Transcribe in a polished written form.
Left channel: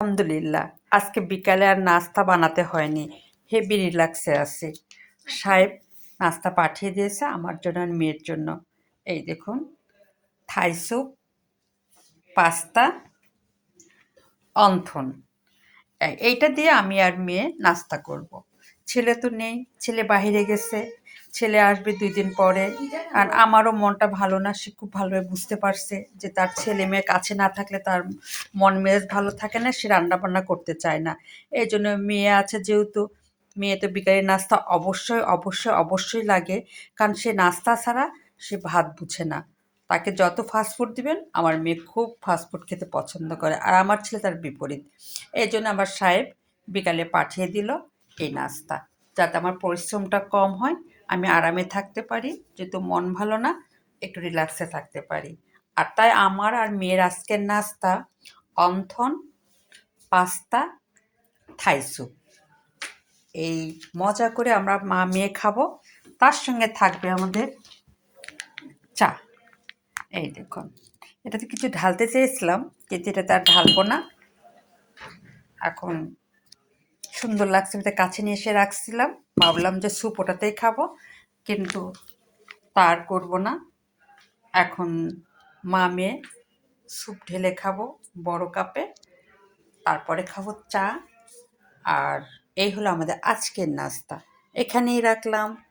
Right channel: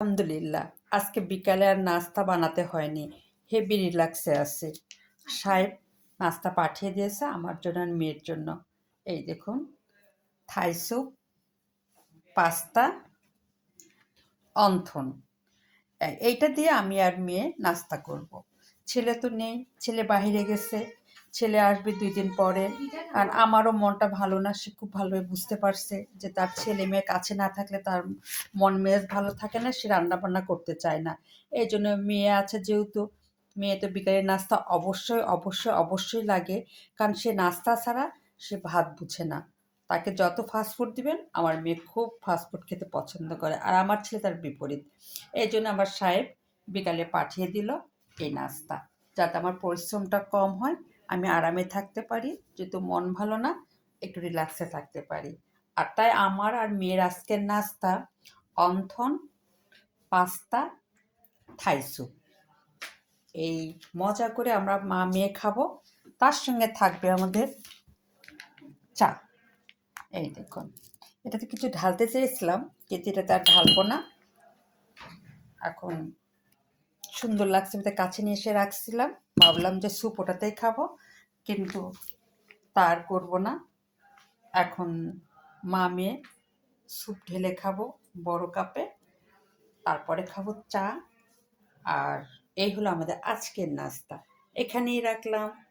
আলহামদুলিল্লাহ, আজকে বিকালে আর নাস্তা বানাতে হয়নি। হেভি রিল্যাক্সে আছি। সাহেব নাস্তা পাঠিয়ে দিয়েছে আমার জন্য আর মেয়ের জন্য। এই দেখুন, থাই স্যুপ, পাস্তা, অন্থন। এইটা দিয়ে আমি আর মেয়ে নাস্তা করব। ছেলে তো নেই, ছেলে বাহিরে গেছে। ছেলে আসবে ২ দিন পরে। আর আমারও মনটা ভালো না। সে খুব ভালোভাবে বুঝতে পারছে যে তার ছেলে-মেয়ে কাছে না থাকলে তার মন মেজাজ ভালো থাকে না, সে রান্নাবান্না করতে চায় না। এজন্য মেয়ে আছে যেহেতু, মেয়ে তো বিকালের নাস্তা অবশ্যই, অবশ্যই, অবশ্যই লাগে। কারণ সে নাস্তা ছাড়া সে ভাত বুঝে না। তাকে যত ফাস্ট ফুড দিবেন, আমার মেয়ে খুব ফাস্ট ফুড খেতে পছন্দ করে। আর আমার ছেলে তার বিপরীত। এজন্য আমার সাহেব বিকালে পাঠিয়ে দিল এই নাস্তা। যাতে আমার পরিশ্রমটা কম হয়, আমি আরামে থাকতে পারি, যেহেতু মন ভালো না, একটু রিল্যাক্সে থাকতে পারি। আর তাই আমার আর মেয়ের আজকের নাস্তা অন্থন, পাস্তা, থাই স্যুপ। এই মজা করে আমরা মা-মেয়ে খাবো। তার সঙ্গে থাকবে আমাদের চা। এই দেখুন। এটাতে কিছু ঢালতে চেয়েছিলাম, কিন্তু এটাতে আর ঢালবো না। এখন সুন্দর লাগছে বলে কাছে নিয়ে এসে রাখছিলাম। ভাবলাম যে স্যুপ ওটাতেই খাবো, কিন্তু তা আর করবো না। এখন মা-মেয়ে স্যুপ ঢেলে খাবো বড় কাপে। তারপরে খাবো চা। আর এই হলো আমাদের আজকের নাস্তা। এখানেই রাখলাম।